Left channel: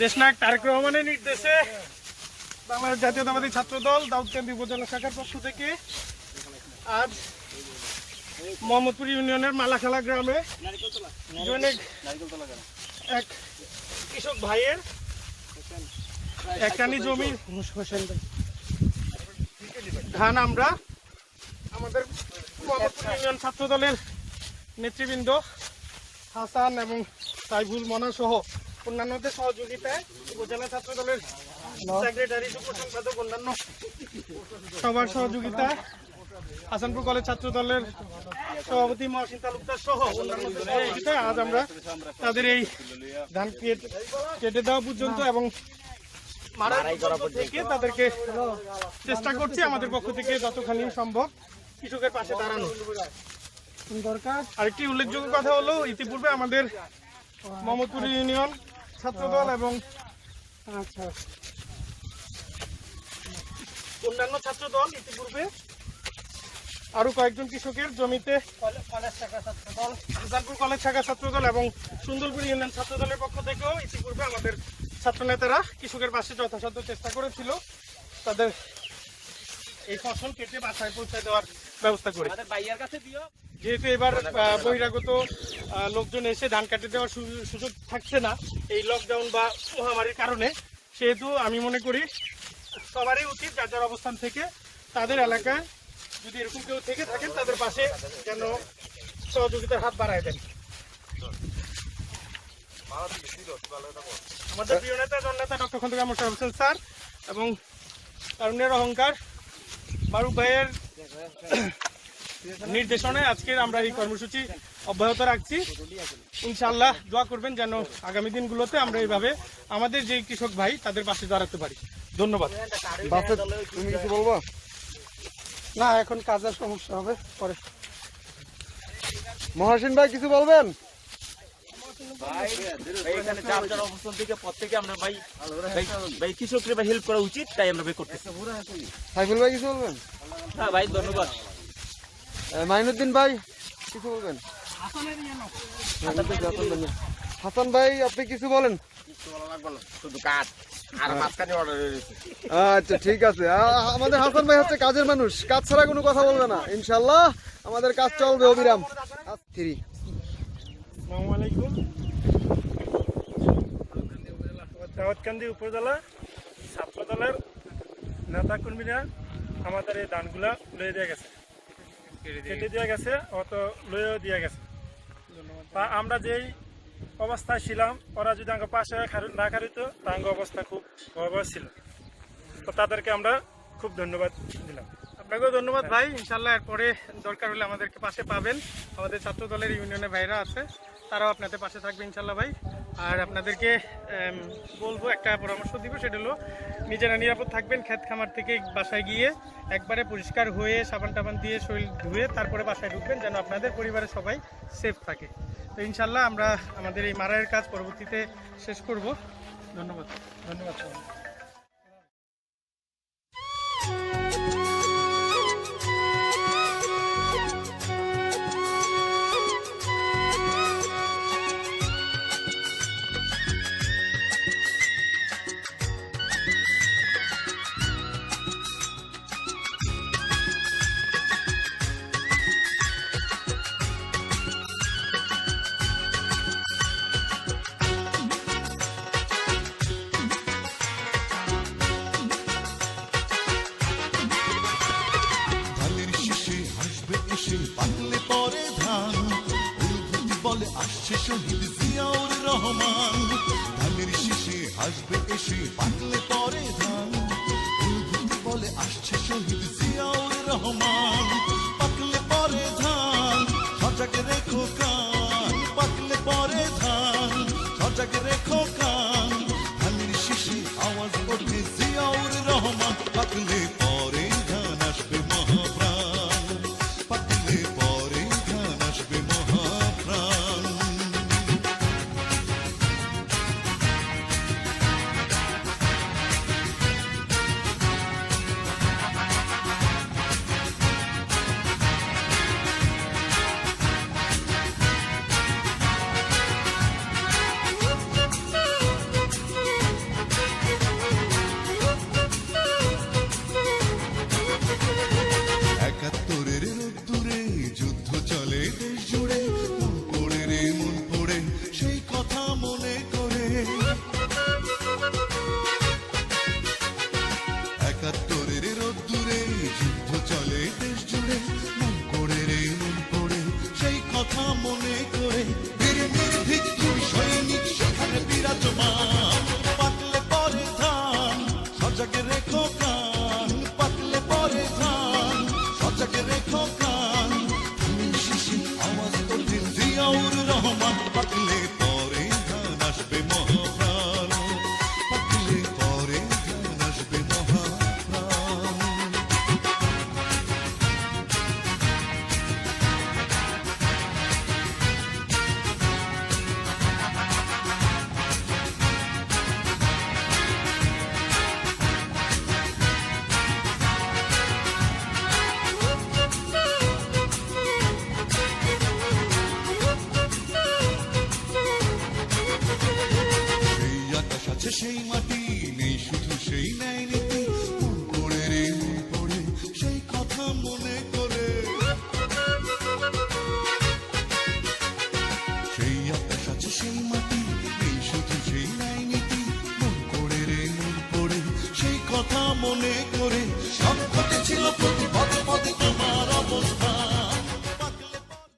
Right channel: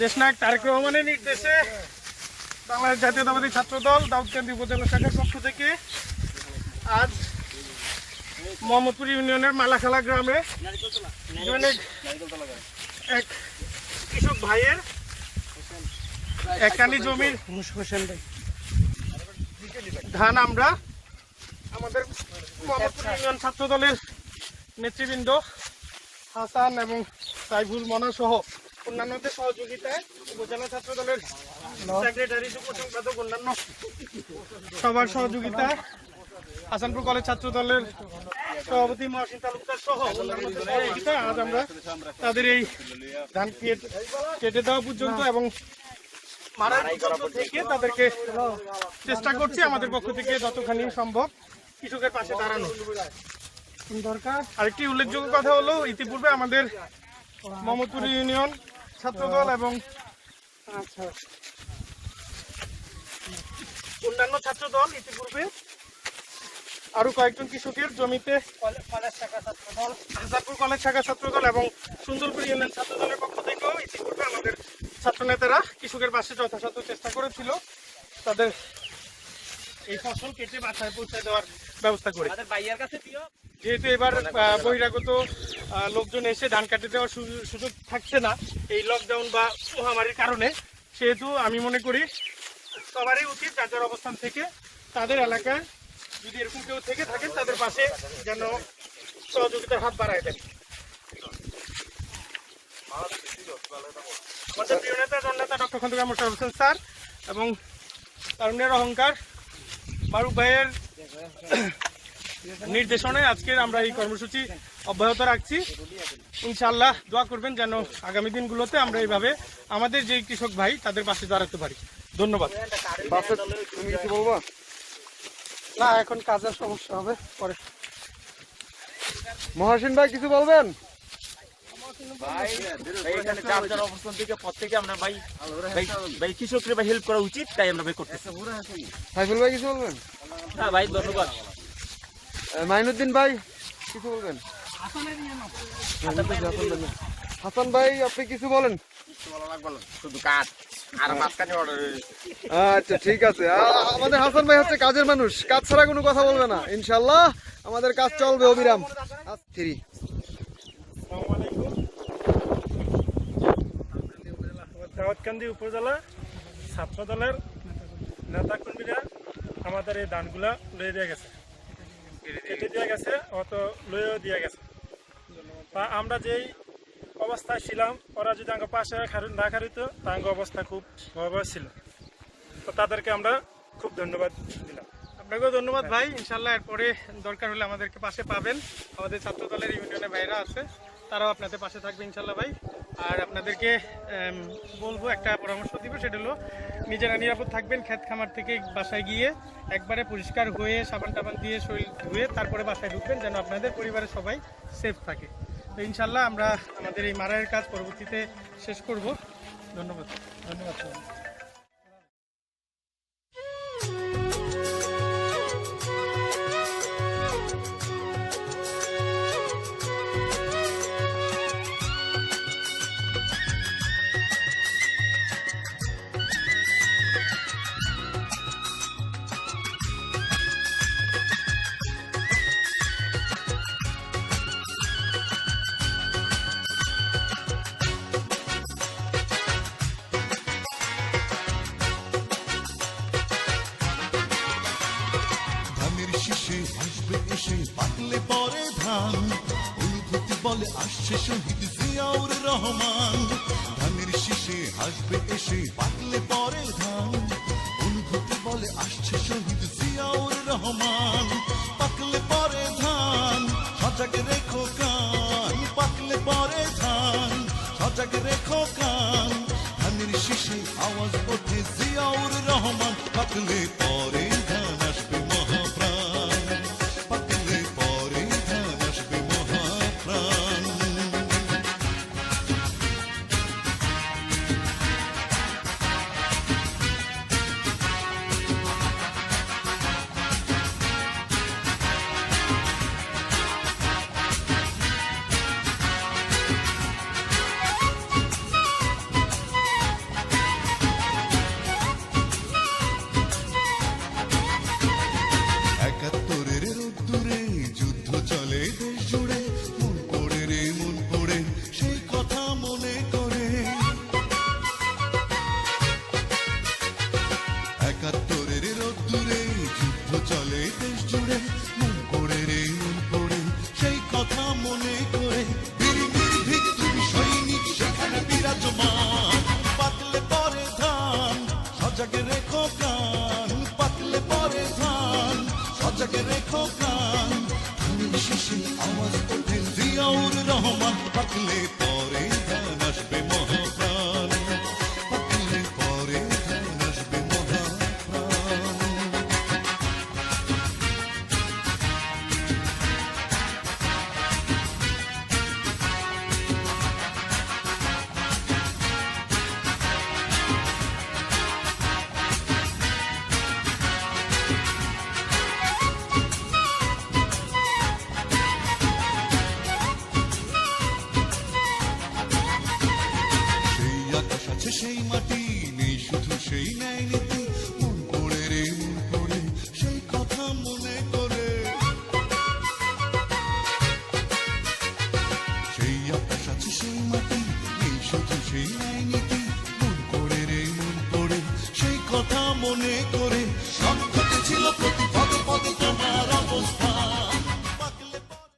দেশনায়ক তারেক রহমানের নির্দেশে বাংলাদেশ জাতীয়তাবাদী ছাত্রদল দাউদকান্দি উপজেলা শাখার পক্ষ থেকে আজ মোহাম্মদপুর ইউনিয়নের মালাখালা গ্রামে এক কৃষক ভাইয়ের একখানি জমির ধান আমরা আমাদের মোহাম্মদপুর ইউনিয়ন ছাত্রদলের নেতৃবৃন্দ হাসান এবং সাইফুল মনা সহ অন্যান্যদের সহযোগিতায় উপজেলা ছাত্রদলের সেক্রেটারি যুব সম্পাদক অন্যান্য সবার সহযোগিতায় হাসানপুর কলেজ ছাত্রদলের সভাপতি মহাসিন তালুকদার সহ সহযোগিতায় আজ আমরা তাদের এই ধান কেটে দেওয়া পর্যন্ত এবং মারাই পর্যন্ত থেকে তাদেরকে চেষ্টা করছি আমাদের পক্ষ থেকে যতখানি সম্ভব কৃষকের পাশে দাঁড়ানো দরকার। আরেকটি উল্লেখযোগ্য কথা হলো ইতিপূর্বে আমাদের মোহাম্মদপুর ইউনিয়ন ছাত্রদল এবং অন্যান্য ছাত্রদল ইতিপূর্বে আরো কয়েকজন কৃষকের জমিতে হাসানপুর কলেজ শাখা ছাত্রদল এবং সুন্দরপুর ইউনিয়ন ছাত্রদলের পক্ষ থেকেও ইতিপূর্বে আমাদের ছাত্রনেতারা কৃষকের পাশে যথাসাধ্য চেষ্টা করেছিল তাদের এই ফসল কেটে বাসায় পৌঁছে দেওয়ার ব্যবস্থা করে। যেহেতু এবার বহিরাগত লোকজন এসে ধান কাটে দেওয়ার সুযোগ থাকছে না এই লকডাউন বা মহামারীর কারণে, সেহেতু আমি মনে করি সবারই উচিত যার যার অবস্থান থেকে তাদের এলাকায় যদি এরকম কেউ থেকে থাকেন তাদের পাশে যেন সহযোগিতার হাত বাড়ায় দেন। আমাদের প্রিয় নেতা জননেতা ডক্টর খন্দকার মোশাররফ হোসেন স্যার এবং তারুণ্যের অহংকার মারুফ ভাইয়ের নির্দেশনে আজকের আমরা এই কর্মসূচি অব্যাহত রাখছি। ইনশাআল্লাহ দোয়া করবেন যেন আগামী দিনগুলোতে আমরা এইভাবে আমাদের যে কৃষক ভাই তাদের পাশে দাঁড়াতে পারি। ধন্যবাদ। তুমি কিছু বলবো না, এখন কাজের সমস্যা হবে পরে। মহাসিন ভাই কিছু বলবেন? কৃষকরা হেল্প করা উচিত, তাই আমরা করতেছি। সাইফুল ভাই কিছু বলবেন? হ্যাঁ ভাই, ধন্যবাদ। মাইনুদ্দিন ভাই কিছু বলবেন? হাসান ভাই আপনি কিছু বলেন? আচ্ছা ঠিক আছে, আমাদের হাসান ভাই হচ্ছে কাজের মানুষ, কাজ ছাড়া কোনো কথা বলবে না। ইনশাল্লাহ আমাদের কাজ চলবে অবিরাম। দাউদকান্দি উপজেলা ছাত্রদলের নেতা কর্মীরা আমাদের এই ধানগুলা লয়ে দিয়ে গেছে, কেটে দিয়ে গেছে, অত লয়েও দিয়ে গেছে। তা আমরা যেই অবস্থায় ছিলাম ওরা যদি আমার পাশে না খারিত তা আমার অবস্থা খুব ভয়াবহ ছিল। তো তাদেরকে আমরা খুব ধন্যবাদ দিলাম। আপনাকেও ধন্যবাদ ভাই। ইনশাল্লাহ এরপরে দরকার হলে আমাদেরকে পাশে পাবেন। আমাদের ছাত্রদলের ইউনিয়নের ভাইরা আছে, তারাও আপনাদের পাশে থাকবে ইনশাল্লাহ ভাই। আর আপনাদেরকে বলবো, একটা পরামর্শ দিব, সেটা হলো নিজেরা নিরাপদ থাকবেন। ক্ষেত খামার থেকে বাসায় গিয়ে একবারে পরিষ্কার হয়ে সাবান টাবান দিয়ে শরীর ধুয়ে তারপরে বাসায় ঢুকবেন, যেন আপনাদের পরিবারের সবাই সেফ থাকে। তো ইনশাল্লাহ আমরা আমাদের এই মারাইয়ের কাজ পরবর্তীতে শেষ করব। ধন্যবাদ। ধন্যবাদ সবাই। হাসবে এসে পাকলে পরে ধান, অনুভূতি বলে আসছে শহীদ জিয়াউর রহমান। ধানের শীষে হাসবে এসে পাকলে পরে ধান, অনুভূতি বলে আসছে শহীদ জিয়াউর রহমান। পাকলে পরে ধান সজাগ রেখো কান, পাকলে পরে ধান সজাগ রেখো কান। ধানের শীষে আওয়াজ ওঠে জিয়াউর রহমান। পাকলে পরে ধান আসবে মহাপ্রাণ, পাকলে পরে ধান আসবে মহাপ্রাণ। চলে দেশ জুড়ে মন পড়ে রে মন পড়ে সেই কথা মনে করে বীর নির্ভীক তুমি সৈনিক সেখানে বিরাজমান পাকলে পরে ধান সজাগে রেখো প্রাণ পাকলে পরে ধান সজাগে রেখো প্রাণ ধানের শিশির আওয়াজ তোলেন জিয়াউর রহমান পাকলে পরে ধান আসবে মহাপ্রাণ পাকলে পরে ধান আসবে মহাপ্রাণ সেই আকাশ আছে সেই মাটি নেই শুধু সেই ন্যায় নীতি মন পড়ে রে মন পড়ে সেই কথা মনে করে সেই আকাশ আছে সেই মাটি নেই শুধু সেই ন্যায় নীতি মন পড়ে রে মন পড়ে সেই কথা মনে করে সব ঘটে ছিল